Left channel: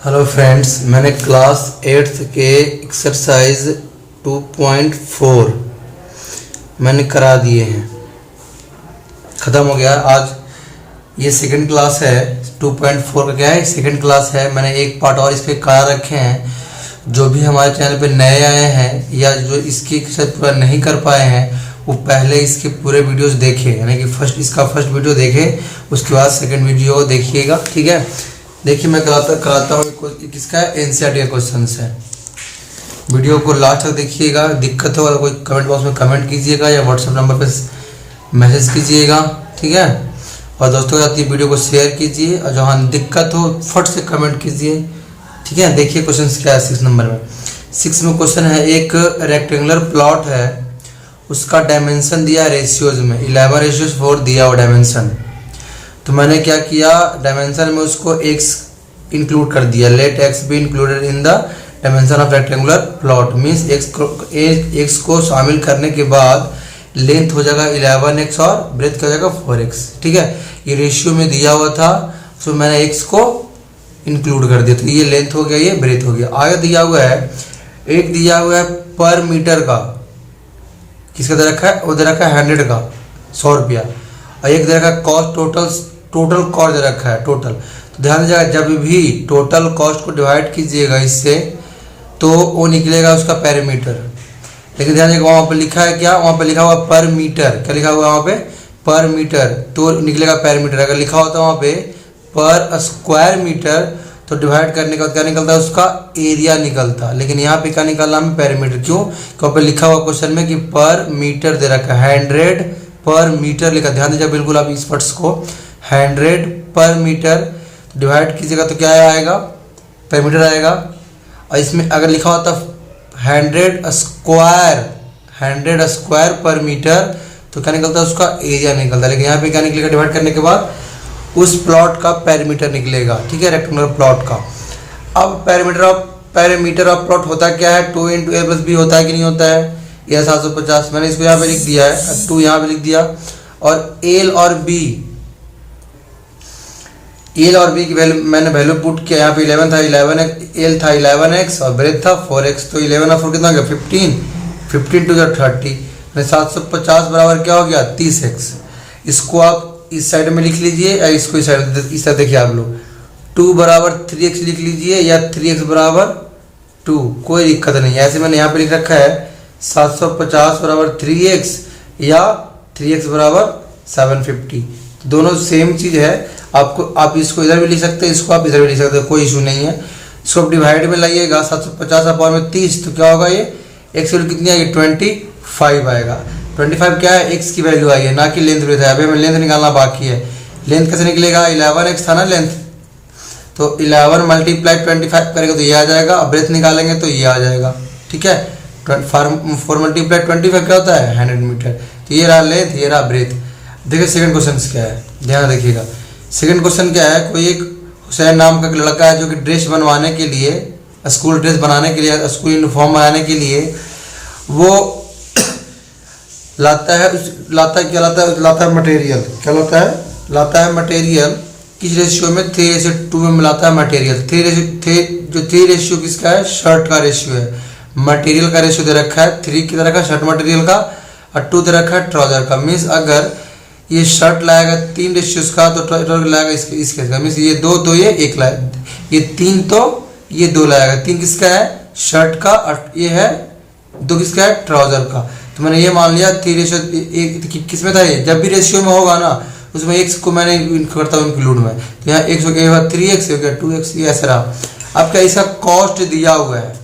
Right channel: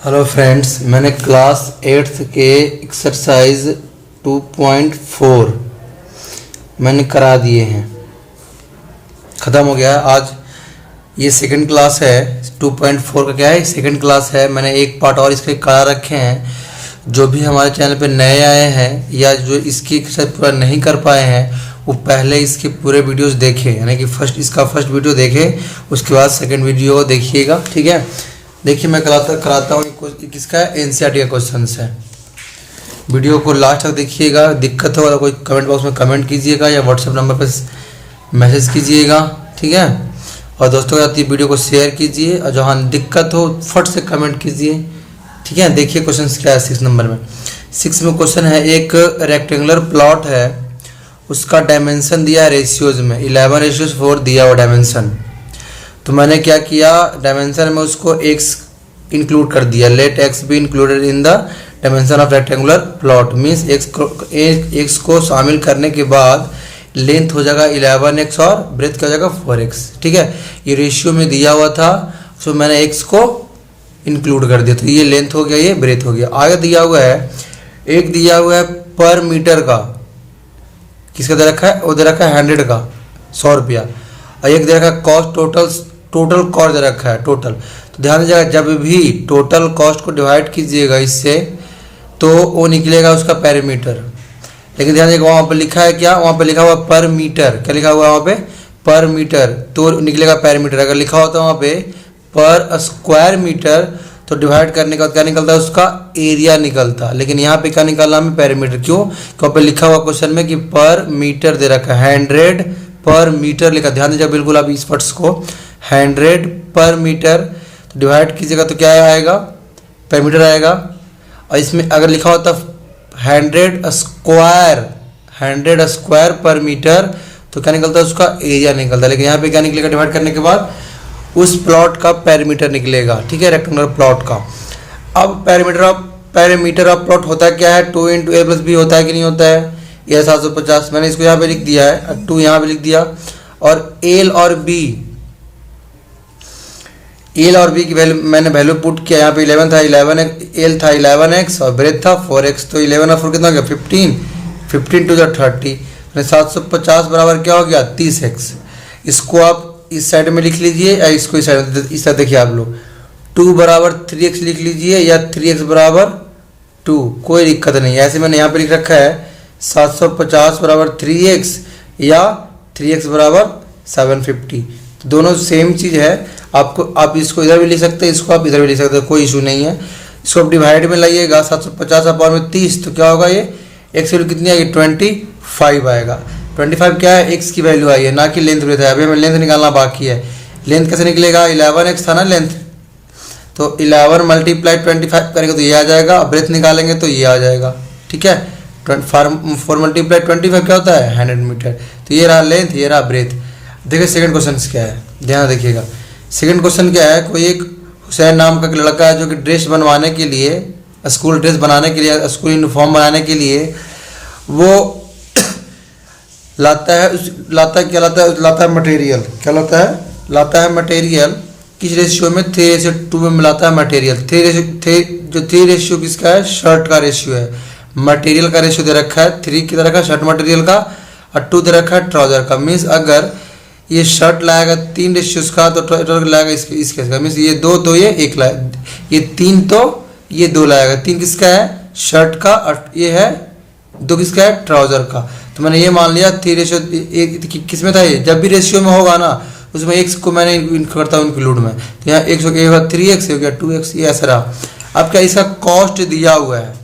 Hello friends, मैंने class 8th के exercise 2.4 मैंने करा दिए हैं, ख़त्म हो गया है। आज ये सेकंड क्लास है। 2.4 का क्या है, सेकंड क्लास है। मैंने एक पार्ट और इसके करा रखे हैं। जो भी हमारे चैनल पे नए आए हैं या जो इसकी एक्सरसाइज पूरा नहीं कर पाए हैं वो पहले इसके पूरे वीडियोस देखें, यानी कि इसका फर्स्ट वीडियो देखें, उसके बाद सेकंड वीडियो देखिएगा। ठीक है, देखिए मैं कराता हूँ। किसका है, एनसीईआरटी का क्वेश्चन है। वीडियो को लास्ट तक देखिएगा। दिक्कत हो कोई कमेंट बॉक्स में कमेंट कीजिएगा या व्हाट्सएप नंबर पे मैसेज कीजिएगा। ठीक है, और दोस्तों के साथ ये वीडियो को शेयर कीजिए, और जहाँ दिक्कत हो फट से कमेंट कीजिए। ठीक है, देखिए क्वेश्चन क्या है 6 नंबर में। 6 में क्वेश्चन है, एक रेक्टेंगुलर प्लॉट है, उसका डायमेंशन दिया है रेशियोज में 11:4 दिया हुआ डायमेंशन। तो मैंने क्या किया, डायमेंशन में उसको x इंक्लूड कर दिया। Let x be included in the dimension of rectangular plot, means x को शामिल करने के बाद लेंथ हो जाएगा 11x और ब्रेथ का जाएगा 4x। ठीक है, ये रेशियो में दिया हुआ था, तो मैंने x को इंक्लूड कर दिया। तो ये लेंथ हो गया, ये ब्रेथ हो गया। आगे दिया हुआ है, एक दिया हुआ है पर मीटर का, किसका दे रखा है, वो दे रखा है 100 का, 100 रुपया। और एक दे रखा है कॉस्ट, टोटल कॉस्ट दे रखा है टोटल। तो ध्यान दीजिएगा, जब भी टोटल कॉस्ट को डिवाइड कीजिएगा इससे तो वो निकलेगा उसका पैरामीटर। लेकिन ध्यान दीजिएगा वहाँ पर लिखा है क्या, वहाँ पर लिखा हुआ पर मीटर। क्या लिखा हुआ है वहाँ पे, पर मीटर, तो निकलेगा पैरामीटर। अगर लिखा होता है वहाँ पे पर स्क्वायर मीटर तो डिवाइड करने का क्या निकलता है, उसका एरिया निकलता। लेकिन यहाँ पे क्या निकालना हमें, पैरामीटर। क्यों, वहाँ पे लिखा हुआ क्वेश्चन में कि पर मीटर दे रखा है, 100 पर मीटर लिखा। ध्यान दीजिए बिल्कुल आप इस वर्ड्स को, 100 पर मीटर तो डिवाइड कीजिएगा तो क्या आएगा, पैरामीटर आएगा। और इसमें अगर लिखा होता 100 स्क्वायर पर मीटर तो क्या निकलता है, उसका एरिया निकलता है। लेकिन यहाँ पे क्या निकलेगा, डिवाइड करने के बाद उस प्लॉट का पैरामीटर निकलेगा। ठीक है, रेक्टेंगुलर प्लॉट का। अब पैरामीटर ऑफ प्लॉट होता क्या है, 2 × a+b होता है कि नहीं होता है, यह 750। मैंने इसको यहाँ पे लिख दिया है, 2 यहाँ पे लिख दिया। और एल और बी की वैल्यू मैंने वैल्यू पुट किया। यहाँ पे 11 था, 11 एल था 11x और ब्रेथ था 4x। तो 11 और 4 कितना हो गया, 15 टू 30। 750 बराबर क्या हो गया, 30x। इसको आप इस साइड में लिख लीजिए या इसको इस साइड, इस तरह देखिए आप लोग, 2 बराबर 3x लिख लीजिए या 3x बराबर 2, कोई दिक्कत नहीं है। ऐसे मैंने यहाँ पे लिख रखा है 750 बराबर 3x या 3x बराबर 750। तो दोनों सेम चीज़ है। आप इसको इधर भी लिख सकते हैं, इसको आप इधर भी लिख सकते हैं, कोई इशू नहीं है। इसको आप डिवाइड में लाइएगा, 750 अपॉन में 30, तो क्या होगा, ये x वैल्यू कितनी आएगी, 25 आएगा। 25 क्या है, x की वैल्यू आई है, ना कि लेंथ ब्रेथ है। अभी हमें लेंथ निकालना बाकी है। लेंथ कैसे निकलेगा, 11x था ना लेंथ, तो 11 × 25 करेंगे तो ये आ जाएगा। ब्रेथ निकालेंगे तो ये आ जाएगा। ठीक है, 4 × 25 क्या होता है, 100 मीटर। तो ये रहा लेंथ, ये रहा ब्रेथ। देखिए सेकंड क्वेश्चन क्या है, ध्यान रखिएगा। सेकंड क्वेश्चन क्या है, कोई एक हुसैन नाम का लड़का है जो कि ड्रेस बनवाने के लिए, स्कूल ड्रेस बनाने के लिए, स्कूल यूनिफॉर्म बनाने के लिए वो लाता है मटेरियल। क्या लाता है मटेरियल। किस रेशियो में, 3:2 में मिलाता है मटेरियल। 3 रेशियो किसका है, शर्ट का रेशियो है। मटेरियल का रेशियो दे रखा है 3 की तरह का, शर्ट मटेरियल का, और 2 दे रखा है ट्राउजर का। मीन्स अगर ये शर्ट लाएगा 3 रेशियोज का तो ट्राउजर लाएगा इसके का। मीन्स ये 2 ये 1 लाएगा, ये 3 तो ये 2 लाएगा। 3 किसका है, शर्ट का, और ये है 2 किसका है, ट्राउजर का। तो मैंने ये मान लिया 3 रेशियो 1 किस में था, ये जब भी रेशियो में होगा ना उसमें x को मैंने करता हूँ इंक्लूड में। तो यहाँ 1 हो गया 3x हो गया 2x, ये ऐसा रहा। अब क्या, इसका कॉस्ट दिया हुआ है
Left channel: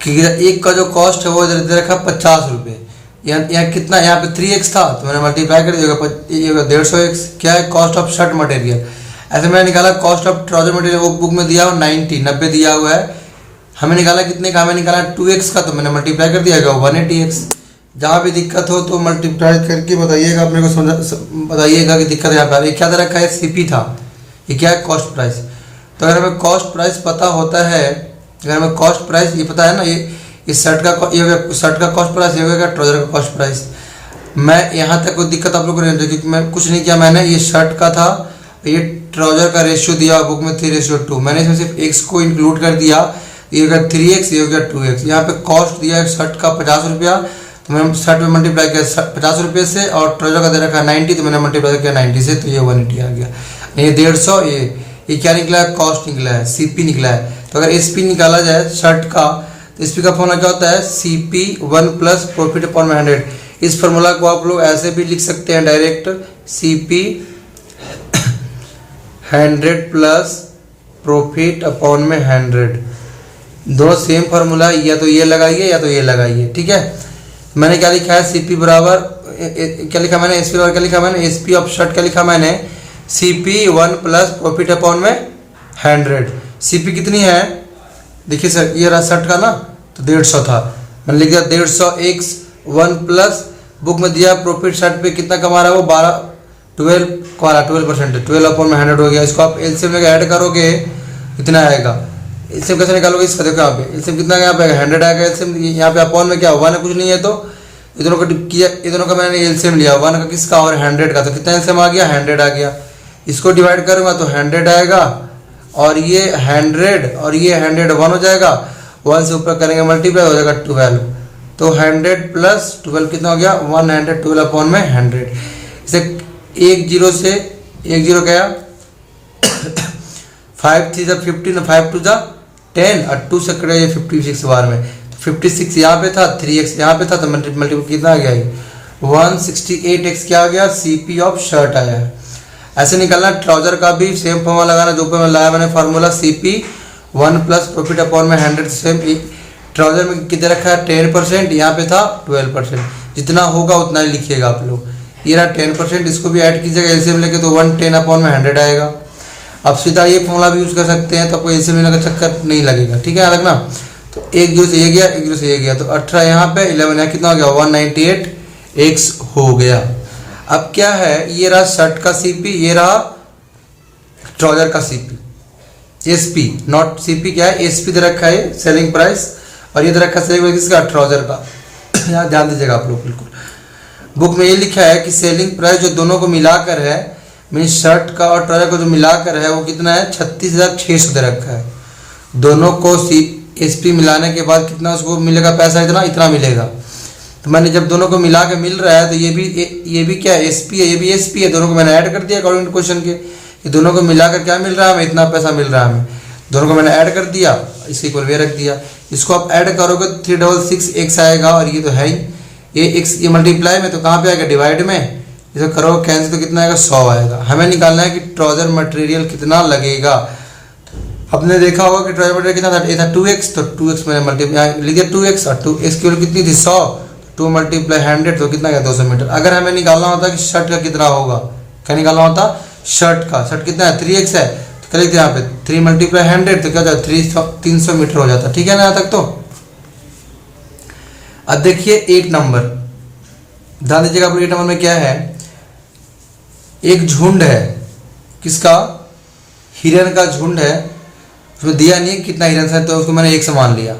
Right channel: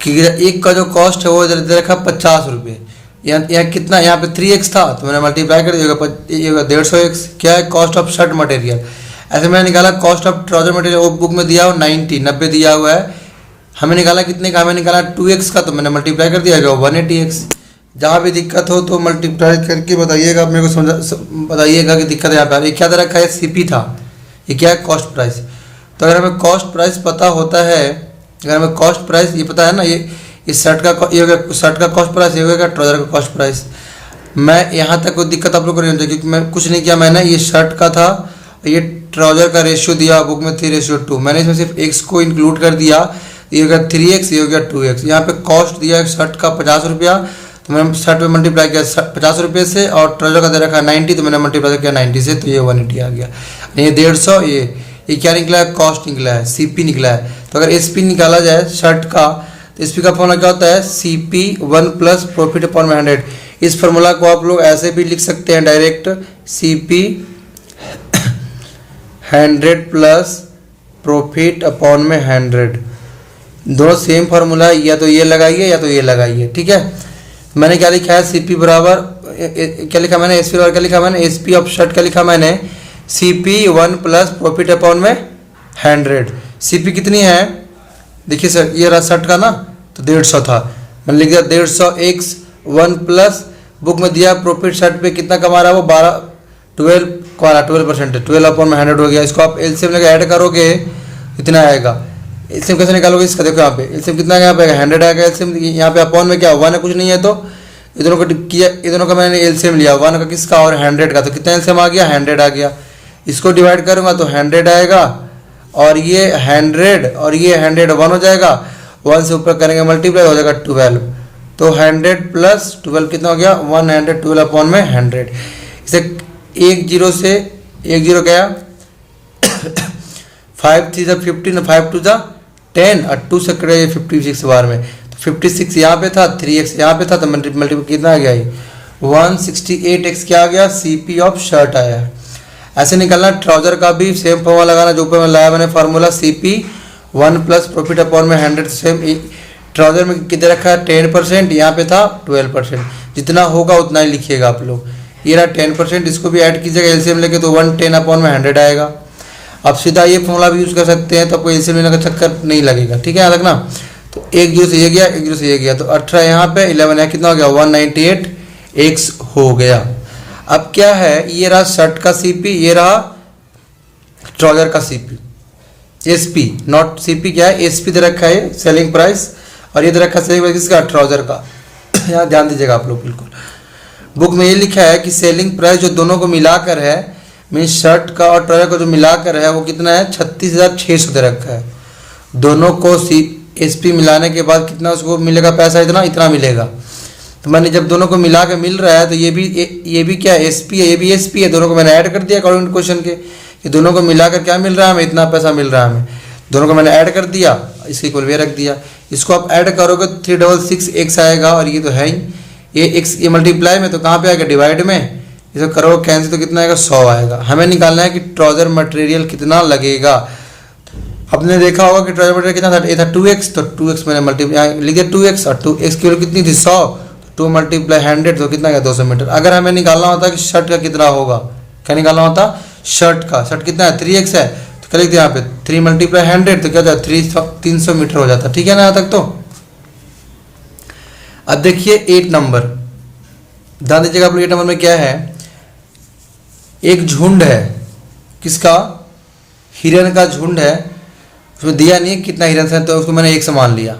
कि एक का जो कॉस्ट है वो दे रखा 50 रुपये। यहाँ कितना, यहाँ पे 3x था तो मैंने मल्टीप्लाई कर दिया 150x। क्या है, कॉस्ट ऑफ शर्ट मटेरियल। ऐसे मैंने निकाला कॉस्ट ऑफ ट्राउजर मटेरियल, वो बुक में दिया हुआ 90 दिया हुआ है। हमें निकाला कितने का, हमें निकाला 2x का, तो मैंने मल्टीप्लाई कर दिया 180x। जहाँ भी दिक्कत हो तो मल्टीप्लाई करके बताइएगा, अपने को बताइएगा कि दिक्कत यहाँ पे। ये क्या दे रखा है, CP था, ये क्या है, कॉस्ट प्राइस। तो अगर हमें कॉस्ट प्राइस पता होता है, अगर हमें कॉस्ट प्राइस ये पता है ना, ये इस शर्ट का कॉस्ट प्राइस, ये होगा ट्राउजर का कॉस्ट प्राइस। मैं यहाँ तक कोई दिक्कत आप लोग को नहीं होगी क्योंकि मैं कुछ नहीं किया। मैंने ये शर्ट का था, ये ट्राउजर का रेशियो दिया बुक में 3:2, मैंने इसमें सिर्फ x को इंक्लूड कर दिया, ये हो गया 3x, ये हो गया 2x। यहाँ पे कॉस्ट दिया है शर्ट का 50 रुपया, तो मैंने शर्ट में मल्टीप्लाई किया 50 रुपये से, और ट्राउजर का दे रखा 90, तो मैंने मल्टीप्लाई किया 90 से, तो ये 180 आ गया। ये 150, ये क्या निकला है, कॉस्ट निकला है, CP निकला है। तो अगर SP निकाला जाए शर्ट का, तो SP का फॉर्मूला क्या होता है, CP 1 प्लस प्रॉफिट अपॉन 100। इस फॉर्मूला को आप लोग ऐसे भी लिख सकते हैं direct, CP 100 plus profit upon में 100, दोनों सेम फार्मूला है, या तो ये लगाइए या तो ये लगाइए, ठीक है। मैंने क्या लिखा है, CP बराबर क्या लिखा मैंने, SP बराबर क्या लिखा मैंने, SP ऑफ शर्ट का लिखा मैंने CP 1 प्लस प्रॉफिट अपॉन में 100। CP कितनी है, देखिए सर ये रहा शर्ट का ना, तो 150 था, मैंने लिख दिया 150x 1 प्लस बुक में दिया प्रॉफिट शर्ट पे कितना कमा रहा है वो 12% है, 12 अपॉन में 100 हो गया। इसको आप एलसीएम लेकर ऐड करोगे कितना आएगा, एलसीएम कैसे निकालोगे इसका, देखो यहाँ पे एलसीएम कितना यहाँ पे 100 आएगा एलसीएम, यहाँ पे अपॉन में क्या 1 है, कुछ नहीं है, तो ये दोनों को किया, ये दोनों का मैंने एलसीएम लिया 1 का किसका और 100 का, तो कितना एलसीएम आ गया 100 आ गया। इसको डिवाइड करूंगा तो 100 आएगा, और ये 100 और ये 100 1 हो जाएगा, 1 से ऊपर करेंगे मल्टीप्लाई हो जाएगा 12, तो 100 प्लस 12 कितना हो गया 112 अपॉन में 100। इसे 1 0 से 1 0 गया 5 3 15 5 2 10 और 2 से कटे 56 बार में, तो 56 यहाँ पे था, 3x यहाँ पे था, तो मल्टीपल कितना आ गया ये 168x क्या आ गया, CP ऑफ शर्ट आया है। ऐसे निकालना ट्राउजर का भी सेम फॉर्मूला लगाना जो ऊपर में लाया मैंने formula, CP 1 plus profit upon में 100, सेम ट्राउजर में कितना रखा है 10%, यहाँ पे था 12%, जितना होगा उतना ही लिखिएगा आप लोग। ये रहा 10%, इसको भी ऐड कीजिएगा एलसीएम लेके, तो 110 अपॉन में 100 आएगा। अब सीधा ये फॉर्मूला भी यूज़ कर सकते हैं, तो आपको एलसीएम लेने का चक्कर नहीं लगेगा, ठीक है, रखना। तो 1 0 से ये गया, 1 0 से ये गया, तो 18 यहाँ पे 11 है, कितना हो गया 198x हो गया। अब क्या है, ये रहा शर्ट का CP, ये रहा ट्राउजर का CP, SP नॉट CP क्या है, SP दे रखा है सेलिंग प्राइस, और ये दे रखा है सेलिंग प्राइस किसका, ट्राउजर का। यहाँ ध्यान दीजिएगा आप लोग, बिल्कुल बुक में ये लिखा है कि सेलिंग प्राइस जो दोनों को मिलाकर है, मीन्स शर्ट का और ट्राउजर को जो मिलाकर है वो कितना है 36,600 दे रखा है। दोनों को SP मिलाने के बाद कितना उसको मिलेगा पैसा, इतना मिलेगा। तो मैंने जब दोनों को मिला के मिल रहा है, तो ये भी क्या है SP है, ये भी SP है, दोनों को मैंने ऐड कर दिया अकॉर्डिंग टू क्वेश्चन के, ये दोनों को मिलाकर क्या मिल रहा है हमें, इतना पैसा मिल रहा है हमें, दोनों को मैंने ऐड कर दिया, इसके इक्वल वे रख दिया। इसको आप ऐड करोगे 366x आएगा, और ये तो है ही, ये x ये मल्टीप्लाई में, तो कहाँ पे आएगा डिवाइड में, इसको करोगे कैंसिल तो कितना आएगा 100 आएगा। हमें निकालना है कि ट्राउजर मटेरियल कितना लगेगा। आपने देखा होगा कि ट्राउजर मटेरियल कितना था, ये था 2x, तो 2x मैंने मल्टीप्लाई लिख दिया 2x, और 2x की वैल्यू कितनी थी 100, 2 मल्टीप्लाई 100 तो कितना गया 200 मीटर। अगर हमें निकालना होता कि शर्ट का कितना होगा, क्या निकालना होता शर्ट का, शर्ट कितना है 3x है, तो क्या लिखते हैं यहाँ पे 3 मल्टीप्लाई 100, तो क्या होता है 300 मीटर हो जाता, ठीक है ना यहाँ तक। तो अब देखिए 8 नंबर, ध्यान दीजिएगा आप लोग, 8 नंबर में क्या है, एक झुंड है, किसका, हिरन का झुंड है, उसमें दिया नहीं है कितना हिरन है, तो उसको मैंने 1 से मान लिया।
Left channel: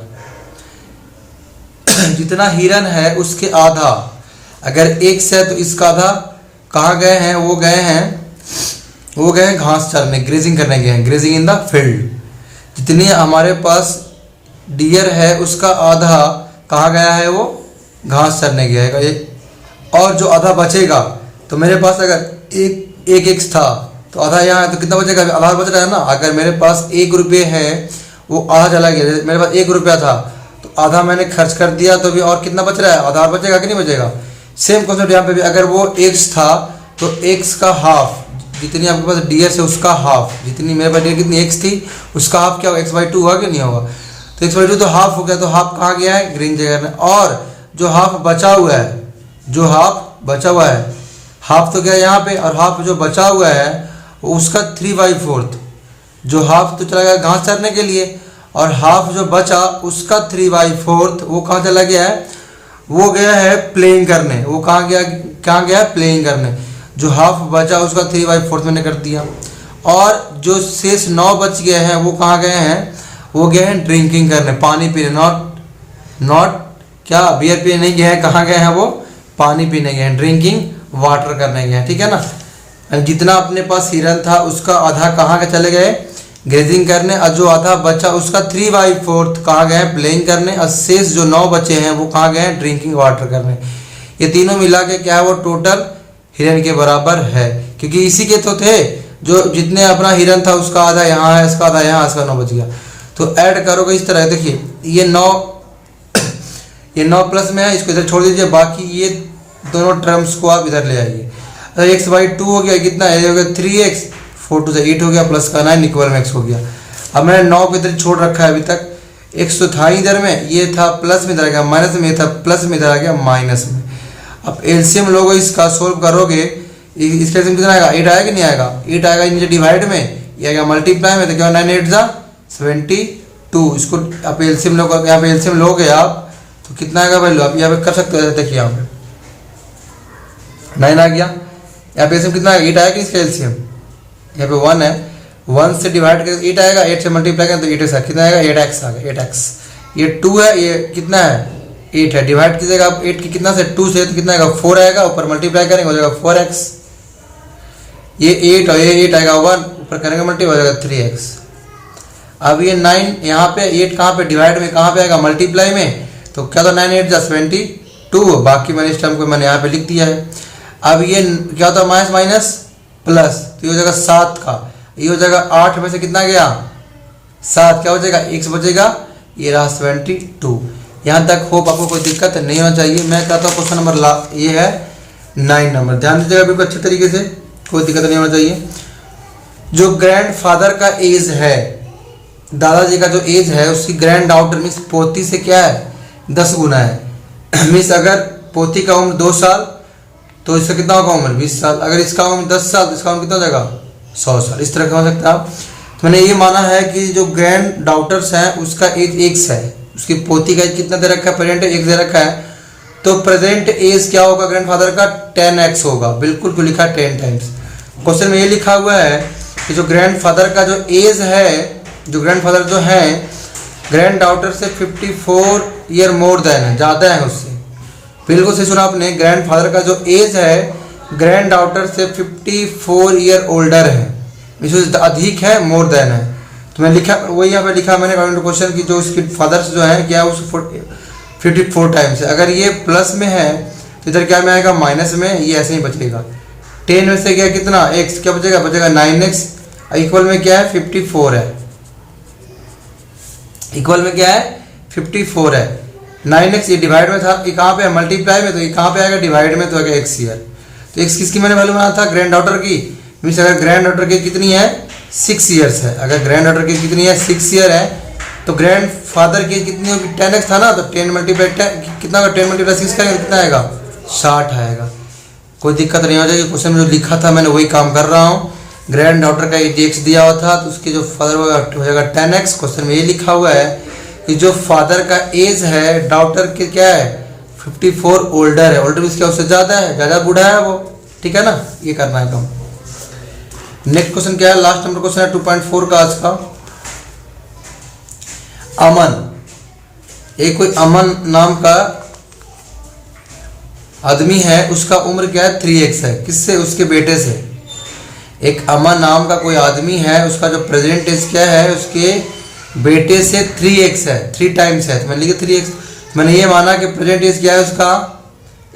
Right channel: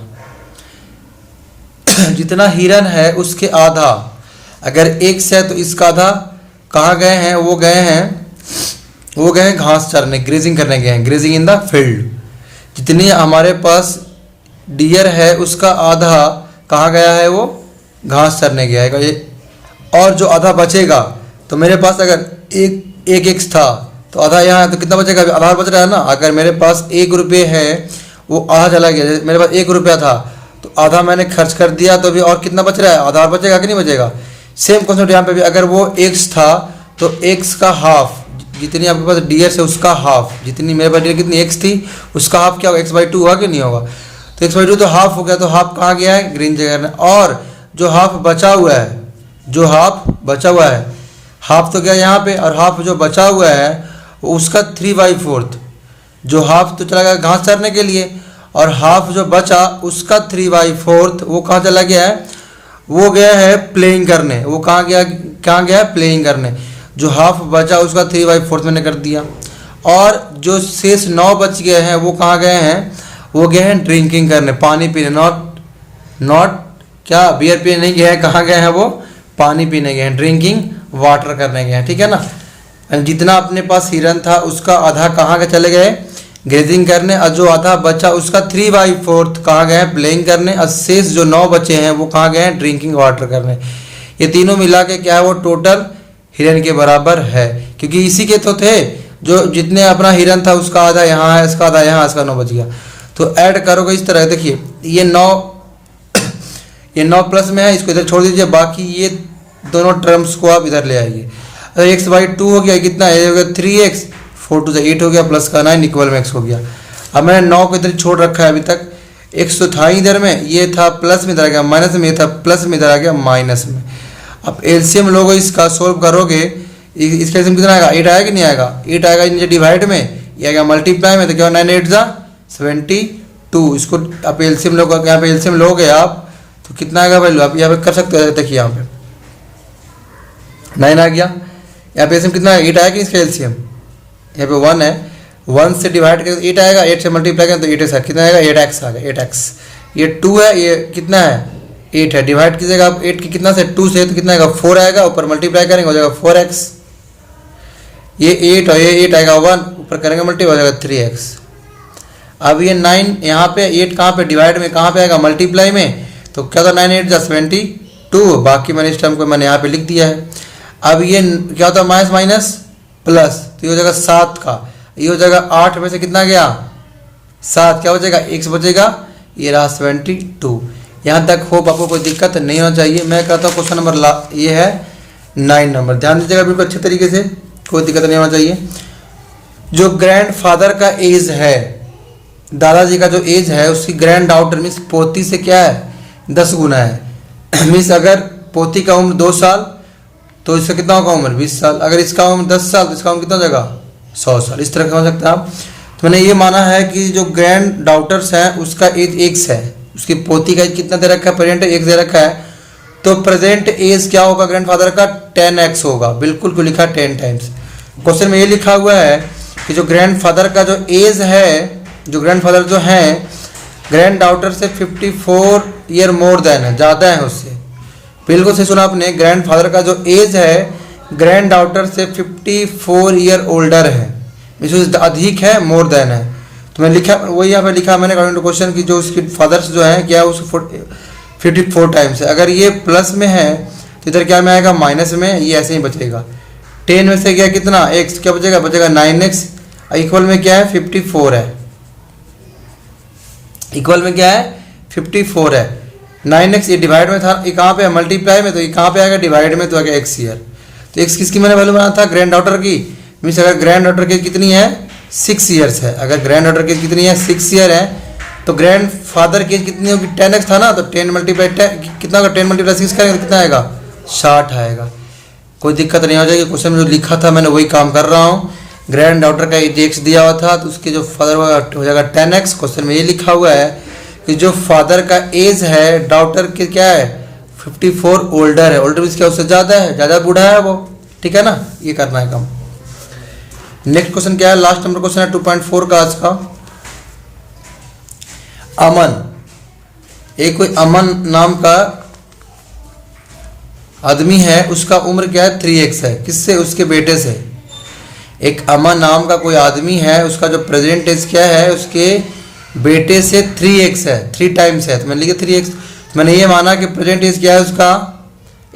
जितना हिरन है उसके आधा, अगर 1 से है तो इसका आधा कहाँ गए हैं, वो गए हैं घास चरने, ग्रेजिंग करने गए हैं, ग्रेजिंग इन द फील्ड। जितनी हमारे पास डियर है उसका आधा कहाँ गया है, वो घास चरने गया है। और जो आधा बचेगा, तो मेरे पास अगर एक एक्स था तो आधा यहाँ, तो कितना बचेगा, आधा बच रहा है ना। अगर मेरे पास 1 रुपये है, वो आधा चला गया, मेरे पास 1 रुपया था तो आधा मैंने खर्च कर दिया, तो भी और कितना बच रहा है, आधा बचेगा कि नहीं बचेगा। सेम कॉन्सेप्ट यहाँ पे भी, अगर वो एक्स था तो एक्स का हाफ, जितनी आपके पास डीएस है उसका हाफ, जितनी मेरे पास कितनी एक्स थी उसका हाफ क्या होगा, x/2 हुआ कि नहीं होगा। तो x/2 तो हाफ हो गया, तो हाफ कहाँ गया है, ग्रीन जगह में। और जो हाफ बचा हुआ है, जो हाफ बचा हुआ है, हाफ तो गया यहाँ पे, और हाफ जो बचा हुआ है उसका 3/4, जो हाफ तो चला गया घास चरने के लिए, और हाफ जो बचा उसका 3/4 वो कहाँ चला गया है, वो गया है प्लेइंग करने। वो कहाँ गया है, प्लेइंग करने। जो हाफ बचा उसका 3/4 मैंने कर दिया, और जो शेष 9 बच गए हैं वो कहाँ गए हैं, वो गए हैं ड्रिंकिंग करने, पानी पीने। नॉट क्या बियर पीने नहीं गए हैं, कहाँ गए हैं वो, पानी पीने गए हैं, ड्रिंकिंग वाटर करने गए हैं, ठीक है ना। यानी जितना अपने पास हिरन था उसका आधा कहाँ के चले गए ग्रेजिंग करने, और जो आधा बचा उसका 3/4 कहाँ गए प्लेइंग करने, और शेष जो 9 बचे हैं वो कहाँ गए ड्रिंकिंग वाटर करने। ये तीनों मिला के क्या है वो टोटल हिरन के बराबर है, क्योंकि इसी के तो थे जो जितने अपना हिरन था उसका आधा यहाँ है, इसका आधा यहाँ, इसका 9 बच गया। तो ऐड करोगे इस तरह, देखिए ये 9 प्लस में है, इसको इधर छोड़ दीजिए, बाकी ये दोनों टर्म्स को आप इधर ले आइए। अगर x/2 हो गया कितना है, हो गया 3x, 4 2 8 हो गया, प्लस का 9 इक्वल में x हो गया। अब मैंने 9 को इधर छोड़ रखा है अभी तक, x तो था इधर में, ये था प्लस में, इधर आ गया माइनस में, ये था प्लस में, इधर आ गया माइनस में। अब एलसीएम लोगो इसका सोल्व करोगे, इसका एलसीएम कितना आएगा 8 आएगा कि नहीं आएगा, 8 आएगा नीचे डिवाइड में, ये आएगा मल्टीप्लाई में, तो क्या 9 8 जा 72। इसको आप एलसीएम लोग यहाँ पे एलसीएम लोगे आप तो कितना आएगा वैल्यू, आप यहाँ पे कर सकते हो। देखिए यहाँ पे 9 आ गया, यहाँ पे एलसीएम कितना आएगा 8 आएगा इसका एलसीएम, यहाँ पे 1 है, 1 से डिवाइड करें 8 आएगा, 8 से मल्टीप्लाई करें तो 8x कितना आएगा 8x आ गया 8x। ये 2 है, ये कितना है 8 है, डिवाइड कीजिएगा आप 8 की कितना से 2 से तो कितना आएगा 4 आएगा, ऊपर मल्टीप्लाई करेंगे हो जाएगा 4x। ये 8 और ये 8 आएगा 1, ऊपर करेंगे मल्टीप्लाई हो जाएगा 3x। अब ये 9 यहाँ पे 8 कहाँ पे डिवाइड में कहाँ पे आएगा मल्टीप्लाई में, तो क्या था 9 8 जा 72, बाकी मैंने इस टाइम को मैंने यहाँ पे लिख दिया है। अब ये क्या होता है माइनस माइनस प्लस, तो ये हो जाएगा 7 का, ये हो जाएगा 8 में से कितना गया 7, क्या हो जाएगा x बचेगा, ये रहा 72। यहाँ तक होप आपको कोई दिक्कत नहीं होना चाहिए। मैं कहता हूँ क्वेश्चन नंबर ये है 9 नंबर, ध्यान दीजिएगा बिल्कुल अच्छे तरीके से, कोई दिक्कत नहीं होना चाहिए। जो ग्रैंड फादर का एज है, दादाजी का जो एज है उसकी ग्रैंड डाउटर मीन्स पोती से क्या है 10 गुना है। मीन्स अगर पोती का उम्र 2 साल तो इसका कितना होगा उम्र 20 साल, अगर इसका उम्र 10 साल तो इसका उम्र कितना हो जाएगा 100 साल। इस तरह का हो सकता है आप। तो मैंने ये माना है कि जो ग्रैंड डाउटर्स हैं उसका एज x है, उसकी पोती का एज कितना दे रखा है प्रेजेंट x दे रखा है, तो प्रेजेंट एज क्या होगा ग्रैंडफादर का 10x होगा, बिल्कुल को लिखा 10 टाइम्स। क्वेश्चन में ये लिखा हुआ है कि जो ग्रैंडफादर का जो एज है, जो ग्रैंडफादर जो है ग्रैंड डाउटर से 54 ईयर मोर देन है, ज़्यादा है उससे, बिल्कुल से सुना आपने। ग्रैंडफादर का जो एज है ग्रैंड डाउटर से 54 ईयर ओल्डर है, इससे अधिक है मोर देन है। तो मैं लिखा वही यहाँ पे लिखा मैंने अकॉर्डिंग टू क्वेश्चन की जो उसकी फादर्स जो है क्या उस 54 टाइम्स है। अगर ये प्लस में है तो इधर क्या में आएगा माइनस में, ये ऐसे ही बचेगा। 10 में से क्या कितना x क्या बचेगा, बचेगा 9x, इक्वल में क्या है 54 है, इक्वल में क्या है 54 है। 9x ये डिवाइड में था, ये कहाँ पे है मल्टीप्लाई में, तो ये कहाँ पे आएगा डिवाइड में, तो आएगा x ईयर। तो x किसकी मैंने वैल्यू बनाया था ग्रैंड डॉटर की, मीन्स अगर ग्रैंड डॉटर की कितनी है 6 ईयर्स है, अगर ग्रैंड डॉटर की कितनी है 6 ईयर है, तो ग्रैंड फादर की कितनी होगी 10x था ना, तो 10 मल्टीप्लाई कितना का 10 मल्टीप्लाई 6 करेंगे कितना आएगा 60 आएगा। कोई दिक्कत नहीं हो जाएगी, क्वेश्चन जो लिखा था मैंने वही काम कर रहा हूँ। ग्रैंड डॉटर का एज x दिया हुआ था तो उसके जो फादर हो जाएगा 10x। क्वेश्चन में ये लिखा हुआ है कि जो फादर का एज है डाउटर के क्या है 54 ओल्डर है, ओल्डर उसके उससे ज़्यादा है, ज़्यादा बूढ़ा है वो, ठीक है ना, ये करना है काम। नेक्स्ट क्वेश्चन क्या है, लास्ट नंबर क्वेश्चन है 2.4 का आज का। अमन, एक कोई अमन नाम का आदमी है, उसका उम्र क्या है 3x है, किससे उसके बेटे से। एक अमन नाम का कोई आदमी है, उसका जो प्रेजेंट एज क्या है उसके बेटे से 3x है, 3 टाइम्स है, तो मैंने लिखा 3x। मैंने ये माना कि प्रेजेंट एज क्या है उसका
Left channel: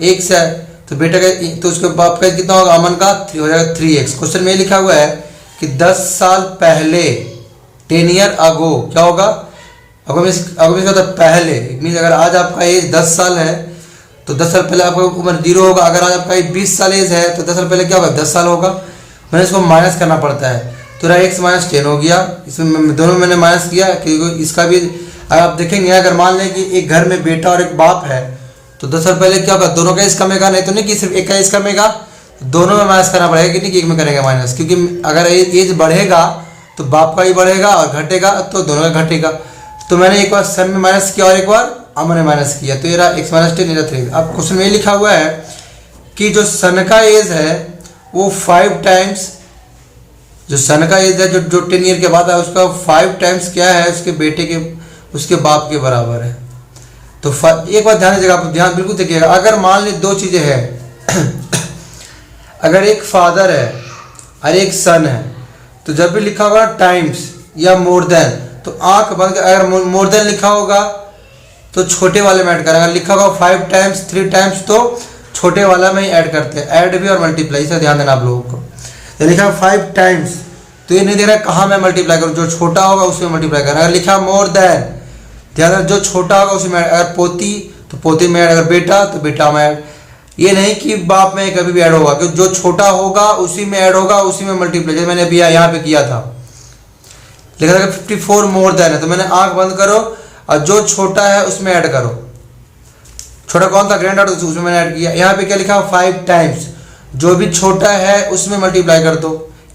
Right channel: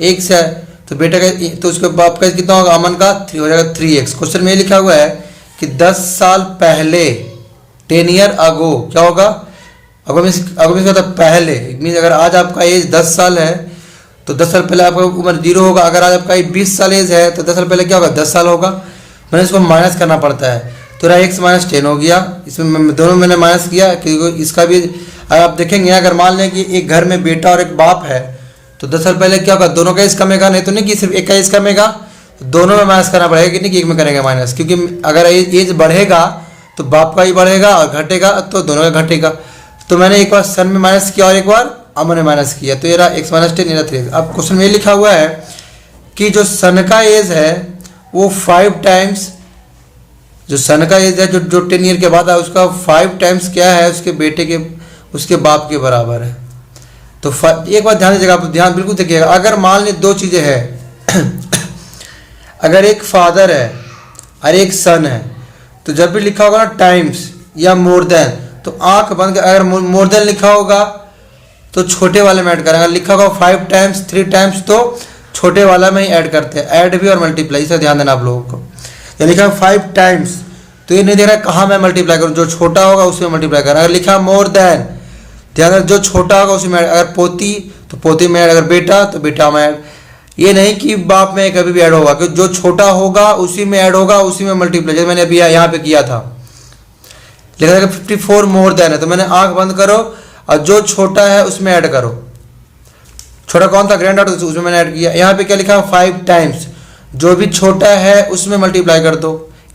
x है, तो बेटा का तो उसके बाप का कितना होगा अमन का 3 हो जाएगा 3x। क्वेश्चन में ये लिखा हुआ है कि 10 साल पहले 10 ईयर अगो क्या होगा, अगो मीन्स होता है पहले, मीन्स अगर आज आपका एज 10 साल है तो 10 साल पहले आपका उम्र 0 होगा। अगर आज आपका 20 साल एज है तो 10 साल पहले क्या होगा 10 साल होगा। मैंने इसको माइनस करना पड़ता है, तो x माइनस 10 हो गया, इसमें दोनों मैंने माइनस किया क्योंकि इसका भी आप देखेंगे। अगर मान लें कि एक घर में बेटा और एक बाप है तो 10 साल पहले क्या होगा दोनों का एज कमेगा, नहीं तो नहीं कि सिर्फ एक का एज कमेगा, दोनों में माइनस करना पड़ेगा कि नहीं कि एक में करेंगे माइनस, क्योंकि अगर एज बढ़ेगा तो बाप का ही बढ़ेगा और घटेगा तो दोनों में घटेगा। तो मैंने एक बार सन में माइनस किया और एक बार अमन में माइनस किया, तो ये रहा x माइनस 10 ये रहा 3। अब क्वेश्चन में लिखा हुआ है कि जो सन का एज है वो 5 टाइम्स, जो सन का एज है जो 10 ईयर के बाद है उसका 5 टाइम्स क्या है उसके बेटे के उसके बाप के बराबर है। तो एक बात ध्यान दीजिएगा, आप ध्यान बिल्कुल देखिएगा। अगर मान ली 2 चीज़ें हैं, अगर एक फादर है और एक सन है। तो जब भी लिखा होगा टाइम्स या मोर देन, तो आंख बंद, अगर मोर देन लिखा होगा तो छोटे वाले में ऐड करेंगे, लिखा होगा 5 टाइम्स 3 टाइम्स तो छोटे वाला में ही ऐड करते हैं। ऐड भी और मल्टीप्लाई, इसे ध्यान देना आप लोगों को। ये लिखा 5 टाइम्स तो ये नहीं दे रहा कहाँ मैं मल्टीप्लाई करूँ, जो छोटा होगा उसमें मल्टीप्लाई करना। अगर लिखा मोर देन, ध्यान जो छोटा होगा उसी में, अगर पोती तो पोती में, अगर बेटा तो बेटा में। ये नहीं कि बाप में कभी भी ऐड होगा, क्योंकि जो छोटा होगा उसी में ऐड होगा, उसी में मल्टीप्लाई। जैसे मैंने अभी यहाँ पे किया था, लिखा था 54 मोर देन है, तो मैंने आंख बंद करो और जो छोटा है उसमें ऐड करो। छोटा कौन था, ग्रैंड डॉटर, उसमें मैंने ऐड किया। यहाँ पे क्या लिखा 5 टाइम्स, जो भी छोटा है उसमें मल्टीप्लाई कर दो।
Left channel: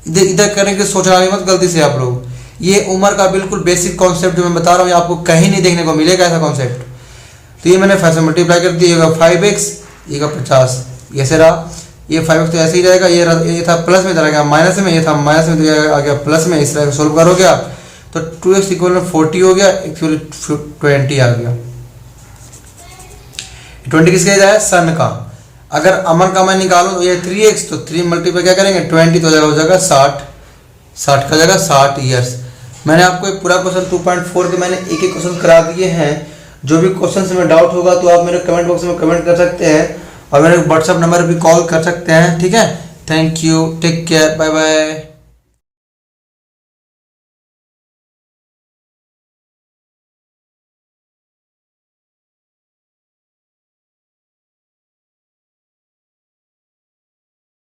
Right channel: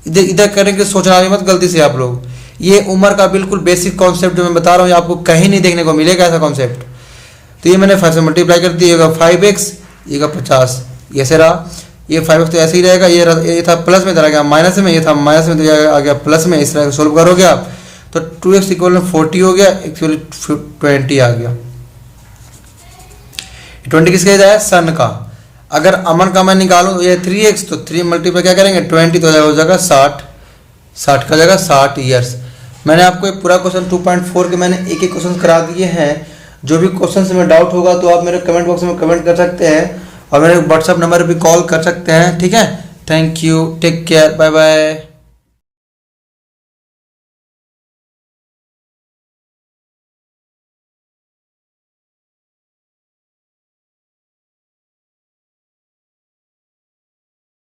इधर इधर करेंगे, सोचना भी मत गलती से आप लोग। ये उम्र का बिल्कुल बेसिक कॉन्सेप्ट जो मैं बता रहा हूँ, आपको कहीं नहीं देखने को मिलेगा ऐसा कॉन्सेप्ट। तो ये मैंने 5 से मल्टीप्लाई कर दिया, 5x, ये 50, ये से रहा। ये 5x तो ऐसे ही रहेगा, ये था प्लस में चला गया माइनस में, ये था माइनस में आ गया प्लस में, इस तरह सोल्व करोगे आप तो 2x इक्वल 40 हो गया, एक्चुअली 20 आ गया। 20 किसका है, सन का। अगर अमन का मैं निकालूं तो ये 3x, तो 3 मल्टीप्लाई क्या करेंगे 20, तो हो जाएगा 60, 60 का जाएगा 60 ईयर्स। मैंने आपको एक पूरा क्वेश्चन 2.4 के मैंने एक एक क्वेश्चन करा दिए हैं। जो भी क्वेश्चन में डाउट होगा तो आप मेरे कमेंट बॉक्स में कमेंट कर सकते हैं और मेरे व्हाट्सएप नंबर भी कॉल कर सकते हैं, ठीक है। Thank you, take care, bye bye.